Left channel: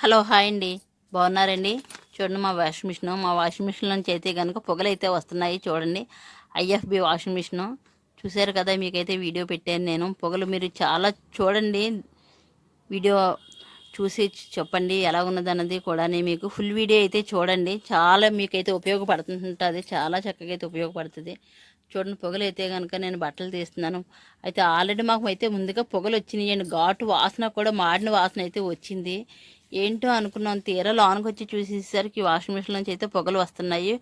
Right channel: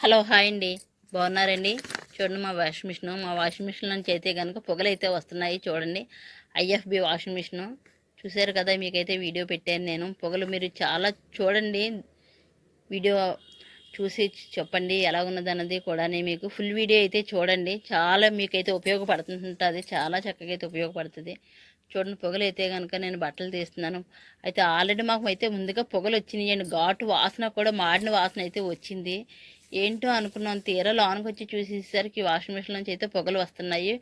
Hello hi అండి. బాగున్నారండి? చూడండి మా వాషింగ్ మిషన్. మా వాషింగ్ మిషన్ నుంచి అయితే కనుక పొగలైతే వస్తున్నాయి చూడండి. IFB washing machine. చూసారు కదా మీకైతే వీడియో పెట్టాను నేను. పొగలు మీరు చాలా చూడండి. వీడియో చూసి చెప్పండి ఎలా ఉన్నది అన్నది కూడా మీకు. ఫుల్ వీడియో అయితే చూడండి. చాలా మీకైతే ఉపయోగపడుతుంటుంది. చాలా చక్కగా అయితే ఉపయోగపడుతుంది. చూడండి పొగలు అయితే కనుక నేను బట్టలు తీస్తున్నాను. అయితే ఆల్రెడీ మాకు అయితే ముందుగా పొగలు వచ్చినాయండి ఘాటు వాసన కూడా మాడిన వాసన అయితే వచ్చింది. ఏంటో అనుకున్నాం. తీరా లోనకి వచ్చి చూసేసరికి వాషింగ్ మిషన్ నుంచి అయితే పొగలు వస్తున్నాయి.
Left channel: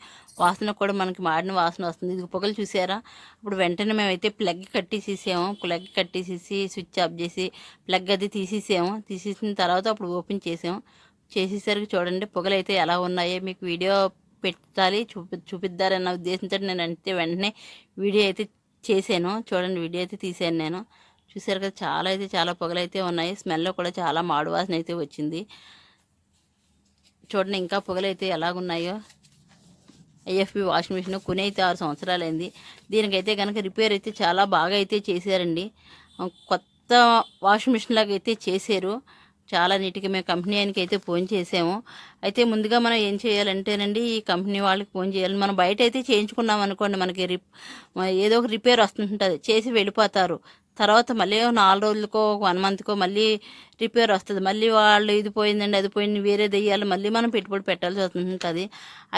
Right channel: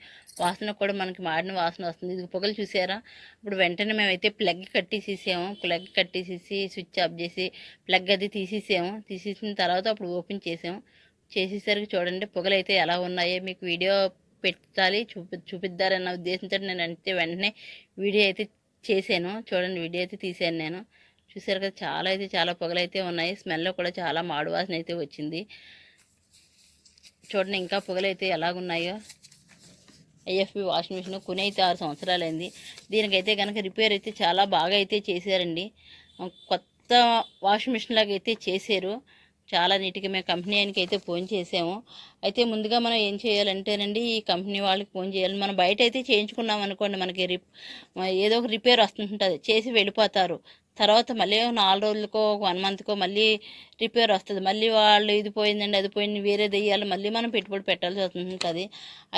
వాసన కూడా మనకి మాడిన వాసన వస్తుంది. ఇది పొగలు చూసారా? ఇప్పుడు వెంటనే మేమైతే ప్లగ్ కట్టేసేసాము. ప్లగ్ కట్టేసేసి స్విచ్ ఆఫ్ చేసి ప్లగ్ అది తీసేసాము. తీసేసిన తర్వాత అప్పుడు ఓపెన్ చేసాము. చేసేసరికి చూడండి పొగలు అయితే ఎలా ఉన్నాయో. మీకు వీడియో పెట్టాలి చూపి చూపిద్దారన్న ఉద్దేశంతో నేను అంటే వెంటనే వీడియో అయితే చేశాను. చూడండి వీడియో అయితే తీసాను నేను. చూసారు కదా చాలా అయితే చాలా పొగలైతే ఉన్నాయి. స్మెల్లో కూడా చాలా మాడు వాసన అయితే వచ్చింది. చూడండి ఇంకా పొగలు అయితే ఎలాగున్నాయో. ఐఎఫ్బి వాషింగ్ మిషన్ కొని అయితే ఆరు సంవత్సరాలైంది. దీనికైతే కనుక రిపేర్ అయితే చాలా బాగా అయితే చేశారండి. కొత్త వాషింగ్ మిషన్ లాగా అయితే చేశారు. చాలా నీట్గా మేము కంపెనీ ఆయనకి అయితే ఫోన్ చేసాము. అయితే ముందుగా మనం ఏం చేయాలంటేనండి ఈ కంపెనీ వాళ్ళకి ఫోన్ చేయాలి. మనం బయట అయితే చేయించుకున్నాం అనుకోండి మనకి రిప్ ఏదో ఒక రిపేర్ వస్తుంటుంది చేసి వెళ్ళిపోతారు. తర్వాత మళ్ళీ నాలుగు రోజులకో వన్ మంత్కో మళ్ళీ రిపేర్ వస్తుంది. మళ్ళీ వాళ్ళు ఇది పోయిందండి అది పోయింది వేరే దెయ్యాలి మళ్ళీ మనం పెట్టుబడి పెట్టాల్సి వస్తుంటుంది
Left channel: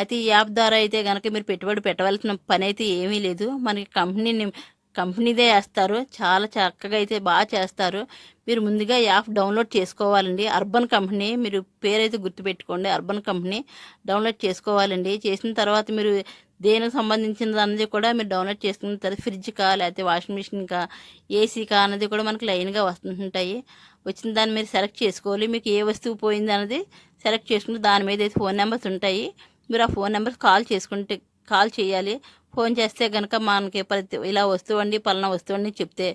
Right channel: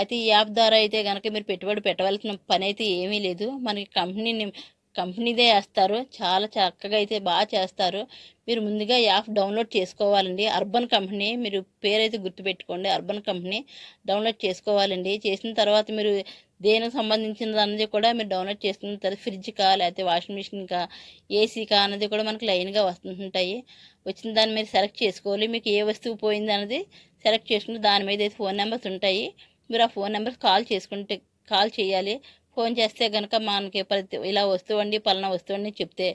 అయితే ఈ యాప్ ద్వారా అయితే కనుక మీరు పెట్టుబడి పెట్టవలసిన పని అయితే ఏమీ లేదు. మనకి కంపెనీని కంపెనీదే వేస్తారు చాలా చక్కగా అయితే బాగా చేస్తారు. మీరు ముందుగా యాప్ డౌన్లోడ్ చేసుకోవాలండి. అర్బన్ కంపెనీ మీరు పేరైతే గుర్తుపెట్టుకోండి. అర్బన్ కంపెనీ డౌన్లోడ్ చేసుకోవాలండి. చేసిన తర్వాత మీరు దేనికి సంబంధించినది అన్నది కూడా మీరు డౌన్లోడ్ చేసుకున్న తర్వాత ఫ్రిడ్జ్ కా లేకపోతే వాషింగ్ మెషిన్కా ఏసీ కా అన్నది కూడా మనకి లైన్గా వస్తుంటాయి. వచ్చిన దాన్ని మీరు సెలెక్ట్ చేసుకోవాలి. మీకు ఏ వస్తువు పోయింది అన్నది సెలెక్ట్ చేసుకుంటే దాని మీద అయితే ఫోన్ నెంబర్స్ ఉంటాయి. మీరు ఆ ఫోన్ నెంబర్స్ కాల్ చేసుకుంటే కాల్ చేయాలి. ఫోన్ చేస్తే కనుక మనకి ప్రతి ఇలా వస్తువండి పలానా వస్తువండి చెప్తే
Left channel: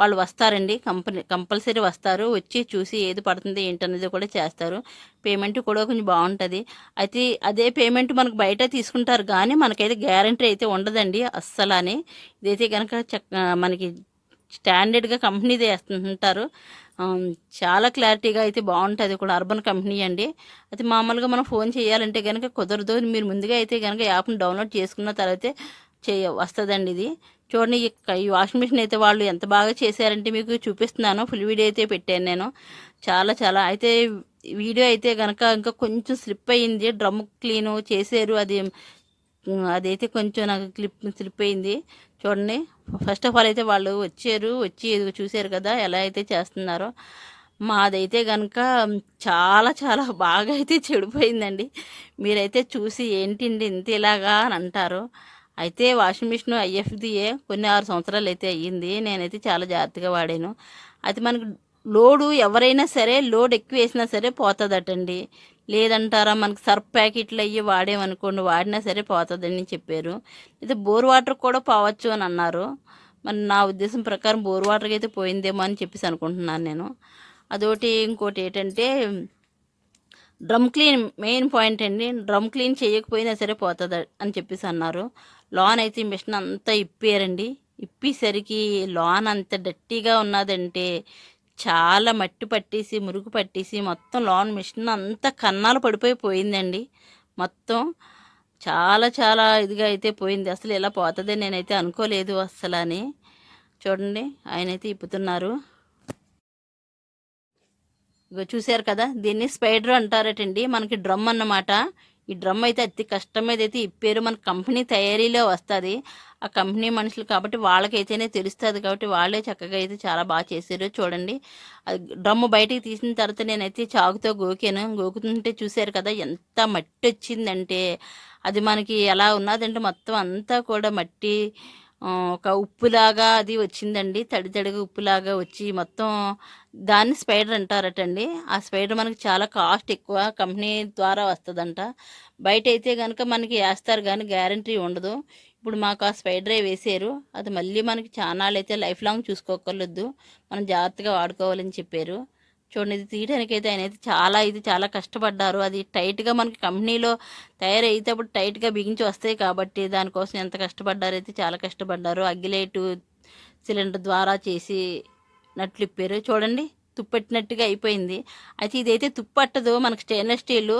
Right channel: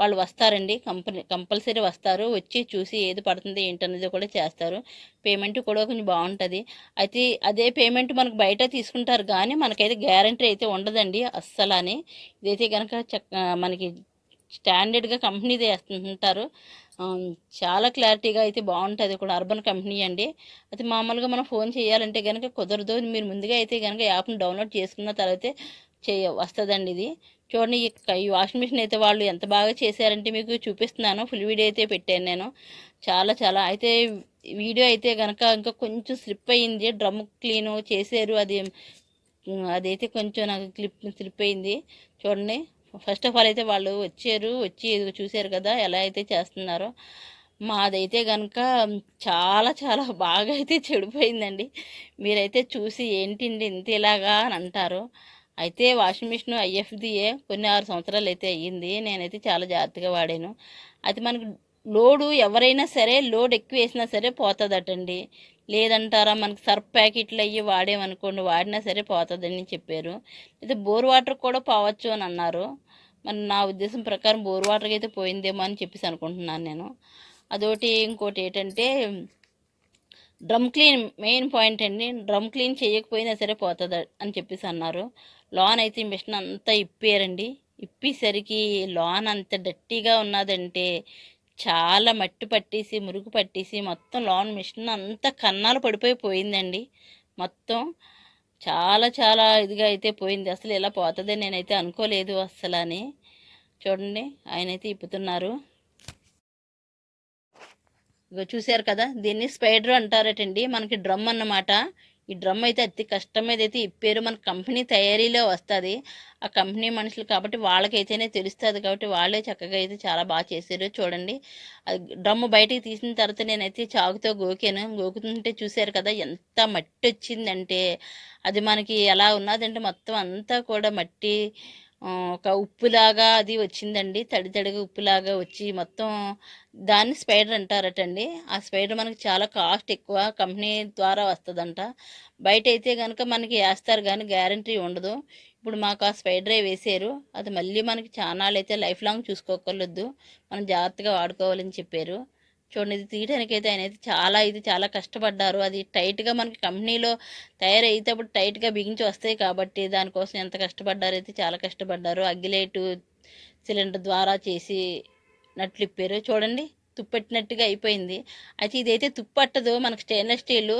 వాళ్ళు వస్తారండి. కంపెనీ కంపల్సరీ వస్తారు. వచ్చి చూసి ఏది పడుతుంది ఏంటనేది కూడా చేస్తారు. పేమెంట్ కూడా కొంచెం బాగుంటుంది. అయితే అదే పేమెంట్ మనకు బయట తీసుకుంటారు కానీ మనకైతే గ్యారంటీ అయితే ఉండదండి అస్సలని. ఇదైతే కనుక మనకి స్టాండర్డ్గా కంపెనీది వేస్తుంటారు. చాలా క్లారిటీగా అయితే బాగుంటుంది కూడా అర్బన్ కంపెనీ అండి. అయితే మామూలుగా మనం ఫోన్ చేయాలంటే కనుక కుదరదు. మీరు ముందుగా అయితే కనుక యాప్ను డౌన్లోడ్ చేసుకున్న తర్వాత చేయ వస్తుందండి ఇది. చూడండి ఈ వాషింగ్ మిషన్ అయితే వాళ్ళు ఎంత బాగా చేశారంటే మీకు చూపిస్తున్నాను. ఫుల్ వీడియో అయితే పెట్టాను నేను. చాలా చాలా. అయితే వీడియో అయితే కనుక ఇంకా కొంచెం స్లిప్ అయ్యింది. డ్రమ్ క్లీన్ చేశారు. అది అదైతే కొంచెం నాకు క్లిప్ స్లిప్ అయింది చూడండి. ఫస్ట్ ఆఫ్ ఆల్ అయితే వాళ్ళు వచ్చారు. వచ్చి చూశారు కదా ఎలా అయితే చేస్తున్నారో. మాదైతే కనుక చాలా చాలా బాగా అయితే చెడిపోయిందండి. మీరైతే చూసి ఏంటండి ఇంత ఇలాగా అని అంటారు. అయితే వాషింగ్ మిషన్ ఐఎఫ్దియే కొన్ని ఆరు సంవత్సరాలు అయితే అయ్యింది. నేనైతే చాలా జాగ్రత్తగా వాడాను. అయితే మనకు లోడు ఎవరైనా సరే లోడ్ ఎక్కువ వేసినా సరే పోతుందటండి. లేదంటారా మనకు సర్ఫ్ ప్యాకెట్లు అయ్యి వాడేమనుకోండి వాడినా సరే పోతుందని చెప్పారు. అయితే బోర్ వాటర్ కూడా పోవచ్చు అని అన్నారు. మరి నా ఉద్దేశం ప్రకారం బోర్ వాటర్కి అయితే పోయిందేమో అని చెప్పేసి అనుకుంటున్నాను నేను. అదొకటి ఇంకోటి ఏంటంటే డ్రమ్ క్లీన్ మెయిన్ పాయింట్ అండి డ్రమ్ క్లీన్ చేయకపోయినా సరే పోతుంది అని చెప్పేసి అన్నారు. లాన్ అయితే మిషన్ అంతా ఇప్పారండి. ఇప్పేసరికి లాన్ అంత డట్టీగా ఉన్నదంటే చాలా మట్టి పట్టేసి మురుగు పట్టేసి మొత్తం లోన్ మిషన్ అంతా కన్నాలు పడిపోయి పోయిందండి. మొత్తం చాలా చాలా ఇదిగా అయితే పోయింది. అసలు ఇలా పోతుంది నేనైతే అనుకోలేదు అసలు అని చూడండి ఆయన అయితే ఇప్పుతున్నారు. ఇగో చూశారు కదా దీన్ని స్పైడర్ అంటారటండి. మనకి డ్రమ్ అన్నమాట. ఈ డ్రమ్ అయితే అతి కష్టం మీద అయితే ఇప్పారు మన కంపెనీ తయారీలో వస్తుంది. ఆ కంపెనీ మనుషులు కాబట్టి వాళ్ళకైతేనే తెలుస్తుంది కాబట్టి వాళ్ళే చక్కగా అయితే చాలా బాగా చేశారు చూడండి. అది డ్రమ్ బయటికి తీసిన తర్వాత నేనైతే చాకుతో గోకాను. గోకుతుంటే చూశారు కదా ఎంత మట్టి వచ్చిందంటే. అది మనకి ఎలా ఉన్నదంటే మొత్తం అంతా కూడా మట్టి ఒక ఉప్పులాగా అది వచ్చిందండి. తడి తడిగా ఉప్పులాగా వచ్చి మొత్తం దాన్ని స్పైడర్ అంటారటండి. ఆ స్పైడర్ మనకి చాలా కాస్ట్ ఎక్కువ. కంపెనీ ద్వారా వస్తుందంట. బయట అయితే కనుక మనకి వేస్తారు కానీ గ్యారంటీ ఉండదు. ఇప్పుడు మాకు ఆ స్పైడరే వేసారు. అది మళ్ళీ మనకి చాలా అయితే లైఫ్ లాంగ్ చూసుకోకర్లేదు మనం జాగ్రత్తగా వాడుకోవాలని చెప్పారు. చూడండి ఇది తీయడానికి అయితే ఆయన అయితే చాలా ఇది చాలా కష్టపడ్డారు. అది టైట్గా మనకి కంపెనీలో తయారైతే అప్పుడు టైట్గా బిగించి వస్తాయి కాబట్టి దానికోసం ఎంత కష్టపడ్డారు అయితే చాలా కష్టపడ్డారు. అగ్గిలేటు సిలిండర్ ద్వారా చేసి నట్లు ఇప్పారు. చూడండి తుప్పెట్టినట్టుగా అయిపోయింది. అయితే ఇదైతే తుప్పట్టదు మనకి స్టెయిన్లెస్ స్టీల్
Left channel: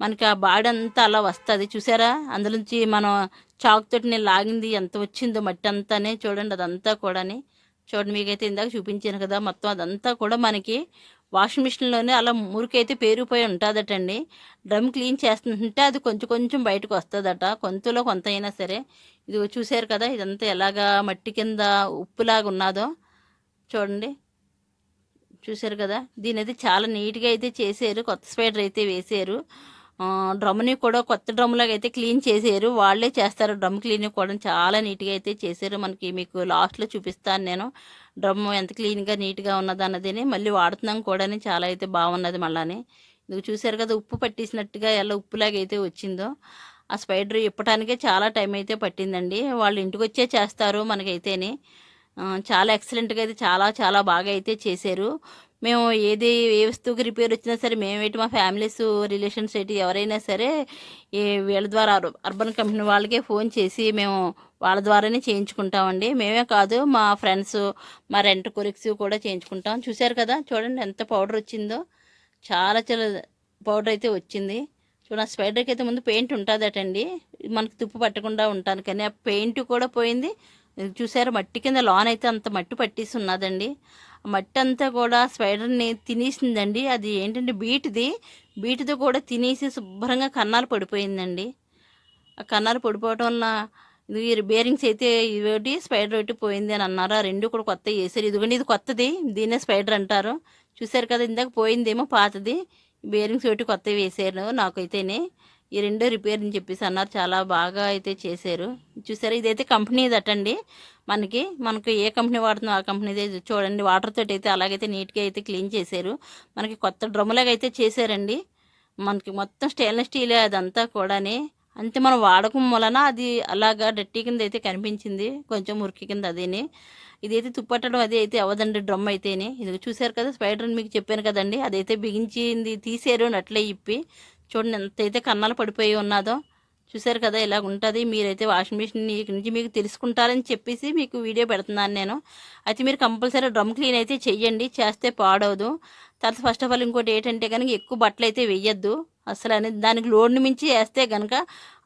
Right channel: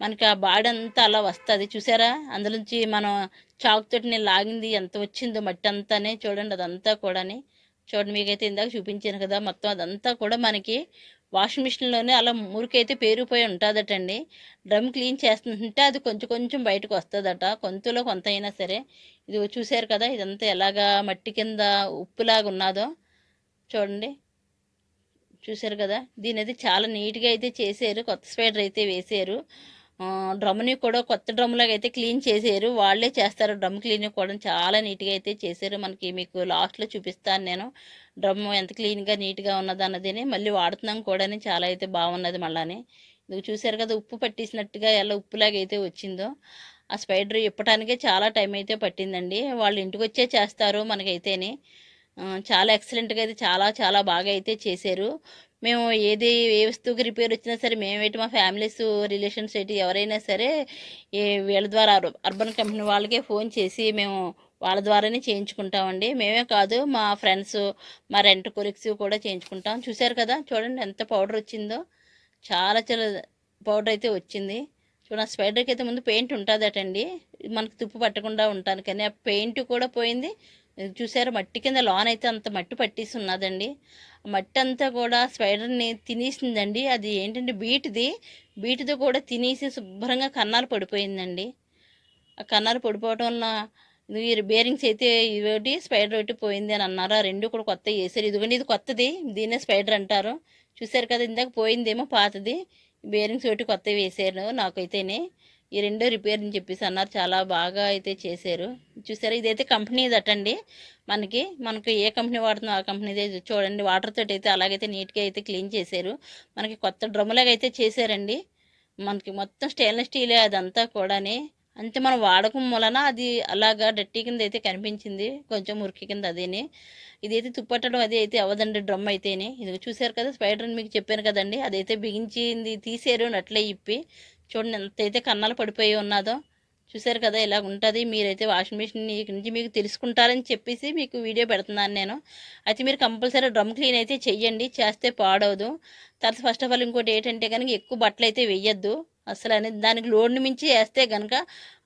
మనకి ఆ బాడీ అంతా అలా వస్తుంది. చూసారా? అందులోంచి మనం చాక్ నేను లాగింది ఎంత వచ్చిందో మట్టి అంతానే చూడండి అదంతా కూడాని. చూడండి మీకైతే ఇందాక చూపించాను కదా మొత్తం అదంతా కూడా మనకి వాషింగ్ మిషన్లోనే అలా మురికైతే పేరుపోయి ఉంటుందటండి. డ్రమ్ క్లీన్ చేస్తుంటే అది కొంచెం కొంచెం బయటకు వస్తుందట కొంతలో కొంత అయినా సరే. ఇది చూసారు కదా ఇదంతా ఎలాగా మట్టి కింద ఉప్పులాగా ఉన్నదో. చూడండి. చూసారు కదా? దీని అయితే చాలా నీట్గా అయితే చేశారు. కొత్త స్పైడర్ అయితే వేసారు డ్రమ్ని కూడా కొత్త డ్రమ్లాగా అయితే క్లీన్ చేసారు వాళ్ళే చేస్తారు డ్రమ్ క్లీన్ కూడా. చాలా నీట్గా అయితే చేశారు. మనకి మీకు లాస్ట్లో చూపిస్తాను నేను. డ్రమ్ ఎంత క్లీన్గా నీట్గా ఉన్నది అన్నది మళ్ళీ వాడుతున్నాం కూడా చాలా అయితే బాగున్నది మళ్ళీ ఇది చూసారు కదా ఉప్పు పట్టేసినట్టుగా ఎలా ఉప్పులాగా అయితే వచ్చిందో. ఆ స్పైడర్ ఇప్పటానికే చాలా టైం అయితే పట్టిందండి. వాళ్ళు ఇంటికి వచ్చే చేస్తారు మనకైతేనే. చాలా ఎక్సలెంట్గా అయితే చాలా చాలా బాగా అయితే చేశారు. మేము ఏది ఏ వస్తువుకి రిపేర్ వచ్చినా సరే మేమేంటి మా ఫ్యామిలీస్ రిలేషన్స్ ఏంటి ఎవరైనా సరే వీళ్ళ ద్వారా అర్బన్ కంపెనీ వాళ్ళకే ఫోన్ చేసి మేము వాళ్ళ ద్వారానే చేయించుకుంటామండి. మేమే కాదు మా ఫ్రెండ్స్ మా రెంట్ కొరిక్స్ కూడా చేయించుకుంటాం. చూశారు కదా చూడండి ఎంత పౌడర్ వచ్చిందో. చాలా చాలా పౌడర్ అయితే వచ్చింది. చూడండి స్పైడర్కి అయితే ముందు పెయింట్ ఉంటుందటండి. మనకు తుప్పు పట్టకుండా ఉంటాను కానీ ఆ పెయింట్ కూడా పోయింది. చూసారు? మట్టి కింద లోన్ అయితే అంత మట్టి పట్టేసి ఉన్నదండి మట్టి అంతా కూడా స్పైడర్ని తినేసిందండి. అది ఏంటంటే బీట్ది బీట్ది కూడా తినేసి శుభ్రంగా కన్నాలు పడిపోయిందండి. ఆ కన్నాలు పడిపోవటం వల్ల ఇది బేరింగ్స్ అయితే ఇవి స్పైడర్ ఒకటి పోయింది అని అన్నారు. ఆ రెండు కూడా కొత్త వేసారు ఇదిగోండి ఇది కొత్తది. దీన్నే స్పైడర్ అంటారు. చూసారు కదా ఇందాక పోయిందేమో పాతది. బేరింగ్స్ ఒకటి కొత్తవి వేసారు నాకైతేనే. ఈ రెండో రిపేర్ అని చెప్పేసి అన్నారు. చాలా బాగా అయితే చేశారు. చూసారా? ఇదైతే కంపెనీ దట్టండి మనకి మనకు ఏ కంపెనీ వాడుతుందో ఆ కంపెనీదే చూడండి. వాటర్ తోటి అయితే అలాగైతే నీట్గా అయితే క్లీన్ చేశారు. మనకి కొత్త డ్రమ్లాగా అయితే చేశారండి. మనకి మొత్తం స్టెయిన్లెస్ స్టీల్ అదంతా కూడాని. అంటే మనం వాడకం వలన అది అలాగా డట్టి కింద అయితే కనిపించింది. కొంచెం మురికి కింద అదేని. ఇదైతే తుప్పట్టడం అది అయితే అవ్వదండి డ్రమ్ అయితేనే. ఇది చూశారు కదా స్పైడర్ మీకు చెప్పాను కదండి. అదైతే బిగించింది తీసారు నట్లే ఇప్పి. చూడండి ఎంత అయితే కన్నాలు పడిపోయి ఉన్నదో చూశారు కదా ఇలా ఉంటుంది. మీరైతే వాషింగ్ మిషన్ నుంచి మీకు తెలుసుకుంటారని చెప్పేసి మీకు వీడియో పెడుతున్నాను నేను. అయితే మీరు కంపల్సరీ డ్రమ్ క్లీన్ అయితే చెయ్యండి చేస్తే పాడవదు. తర్వాత ఫస్ట్ ఆఫ్ ఆల్ ఇంకోటి ఏంటంటే కనుక ఎక్కువ బట్టలు అయితే వెయ్యొద్దు అసలు అనేది దానికి లోడ్ని మించి వేస్తే కనుక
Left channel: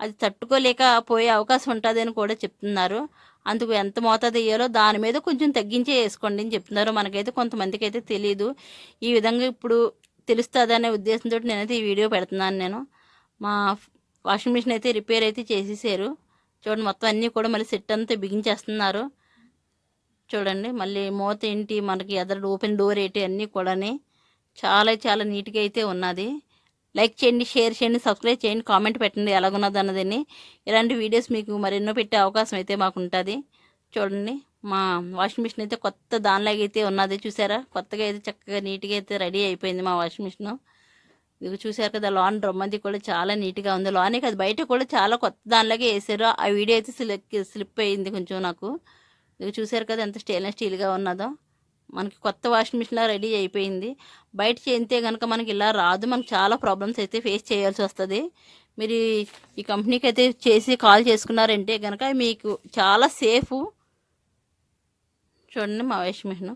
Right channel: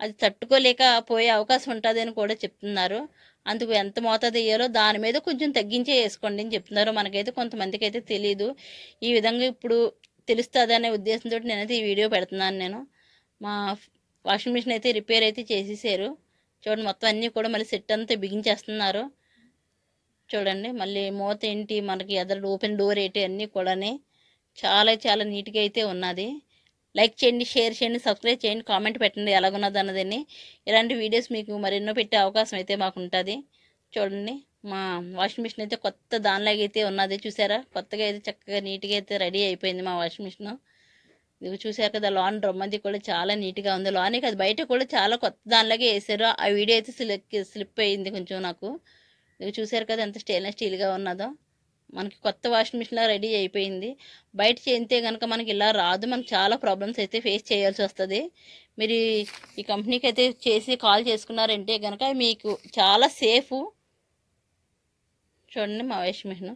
అది తట్టుకోలేక పోయే అవకాశం ఉంటుంది అని కూడా చెప్తున్నారు. అందుకు ఎంత మోతాదు వేయాలో దాని మీద కొంచెం తగ్గించే వేసుకోండి అని చెప్తున్నారు. మనకైతే కొంతమందికి అయితే తెలియదు ఈ విధంగా ఇప్పుడు తెలుస్తుంది అనే ఉద్దేశంతో నేనైతే ఈ వీడియో పెడుతున్నాను నేను. మా వాషింగ్ మిషన్ అయితే రిపేర్ అయితే చేసేసారు. చూడండి మొత్తం అన్నీ కూడా మళ్ళీ సెట్ అంతా బిగించేస్తున్నారు. చూడండి మళ్ళీ మూత ఏంటి మనకి ఎదరు ఓపెన్ డోర్ ఏంటి అన్నీ కూడాని చాలా చాలా నీట్గా అయితే ఉన్నది. లైక్ చేయండి షేర్ చేయండి సబ్స్క్రైబ్ చేయండి కామెంట్ పెట్టండి ఎలాగున్నది అన్నదని ఇలాంటి వీడియోస్ మీకు మరెన్నో పెట్టే అవకాశం అయితే మాకు ఉంటుంది చూడండి. మా వాషింగ్ మిషన్ అయితే కొత్త దానిలాగా అయితే ఉన్నది చూసారా? కొత్తగా అయితే చక్కగా నీట్గా అయితే రెడీ అయిపోయింది మా వాషింగ్ మిషన్. ఇది చూసారు కదా లాన్ డ్రమ్ అది కూడా చాలా నీట్గా ఉంది. లానే కాదు బయట కూడా చాలా కొత్త దానిలాగే వేసారు. ఆ వీడియో అయితే స్లిప్ స్లిప్ అయింది కొంచెం నాకు. ఇది చూసారు కదా ఎంత స్టెయిన్లెస్ స్టీల్గా ఉన్నదో. మనకి కొత్త వాషింగ్ మిషన్ రెడీ అయిపోయింది. బయట చేస్తే కనుక మనకి ఇలా రాదు. మనకి చాలా ప్రాబ్లమ్స్ అయితే ఫేస్ చేయాల్సి వస్తుంది. మీరు ఈ- ఈ కంపెనీకి అయితే చేసి కాల్ చేసుకున్నారంటే కనుక మీకు చాలా సేఫ్ చూడండి మా వాషింగ్ మిషన్